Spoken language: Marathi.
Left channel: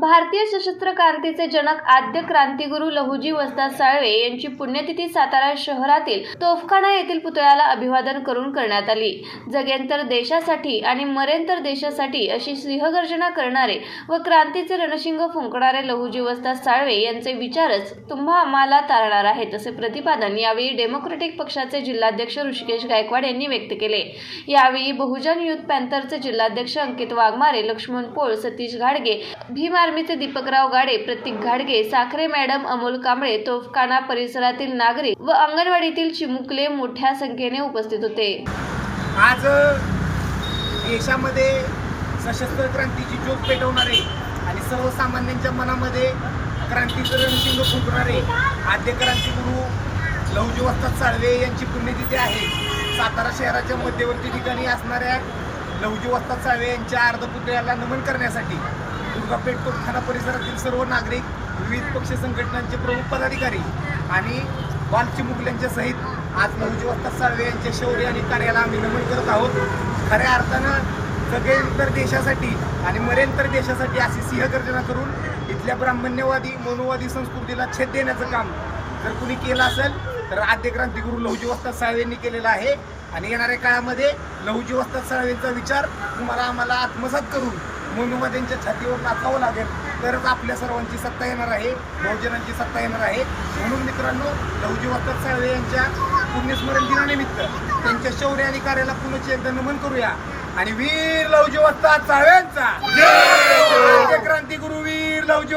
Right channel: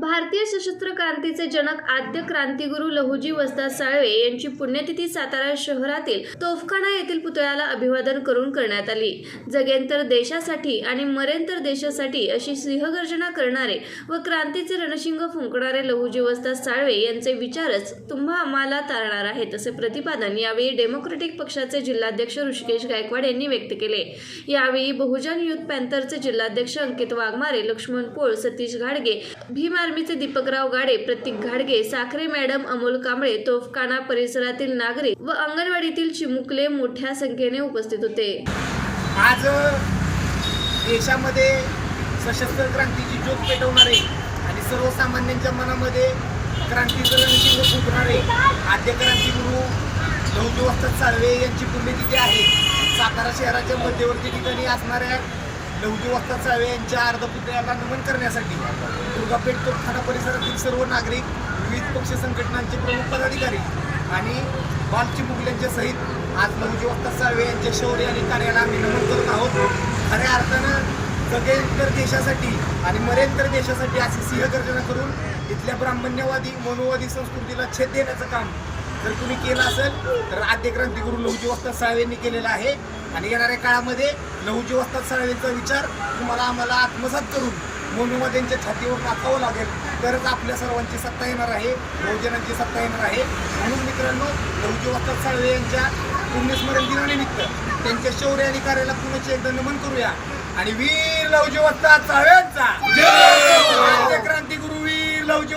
भारतीय सशस्त्र क्रांतीचे जनक आद्य क्रांतिगुरू लहुजी वस्ताद साळवे यांची पुण्यतिथी सातारा शहरातील तोफखाना येथील पुतळ्याला अभिवादन करून करण्यात आली. जगेंतर देशासाठी आणि मरेंतर देशासाठी अशी सिंहगर्जना करणारे व क्रांतीचे रणशिंग फुंकणारे लहुजी वस्ताद साळवे यांचे विचारच तुम्हा आम्हाला तारणार आहेत असे प्रतिपादन यावेळी डेमोक्रेटिक पक्षाचे जिल्हाध्यक्ष ऋषिकेश गायकवाड यांनी व्यक्त केले. यावेळी बहुजन युथ पॅन्थरचे जिल्हाध्यक्ष अंकित वाघमारे लक्ष्मण पोळ सतीश घाडगे भीमार आर्मीचे दीपकराव गाडे प्रतीक घाडगे साखरे मॅडम अमोल कांबळे तोफखाना परिसरातील नागरिक व अंगणवाडीतील चिमुकले मोठ्या संख्येने उपस्थित होते. आज देशामध्ये सशस्त्र क्रांतीची ज्योत पेटवणारे आणि सर्वसामान्यांच्या मनामध्ये क्रांतीचं रणसिंग फुंकणारे आद्य क्रांतिगुरू लहुजी वस्ताद साळवे यांची पुण्यतिथी आहे. सातारा शहराच्या मध्यवर्ती ठिकाणी असणाऱ्या लहुजी वस्ताद साळवे यांच्या अर्धपुतळ्याला नमन करण्यासाठी दुर्गापेठ तोफखाना परिसरातील सर्व नागरिक विविध पक्ष संघटनांचे प्रमुख पदाधिकारी आणि बालचिमुकल्यांच्या सहित आज नऊजी वाजता साळवे यांच्या शौर्य आणि कार्याला आम्ही नमन करत आहोत. खऱ्या अर्थानं जगेंतर देशासाठी आणि मरेंतर देशासाठी अशी सिंहगर्जना करून इथल्या ब्राह्मण्यवादी मनोवादी संस्कृतीला छेद देण्याचं काम जर कुणी केलं असेल तर आद्य क्रांतिगुरू लहुजी वस्ताद साळवेंनी केलेलं आहे. आणि येणाऱ्या काळामध्ये लहुजी वस्ताद साळवेंचा विचार तुम्हाला आम्हाला आत्मसात करून मनुवाद्यांच्या छातीवर नाचावं लागेल तरच आपल्या सर्वांची सत्ता येणार आहे बहुजनांची सत्ता येणार आहे. म्हणून मित्रांनो लहुजी वस्ताद साळवे यांच्या पुण्यस्मरण दिनानिमित्त त्यांच्या शौर्य आणि कार्याला पुनश्च एकदा नमन करूया. आणि वीर लहुजी वस्ताद साळव्यांचा आद्य क्रांतिगुरू वीर लहुजी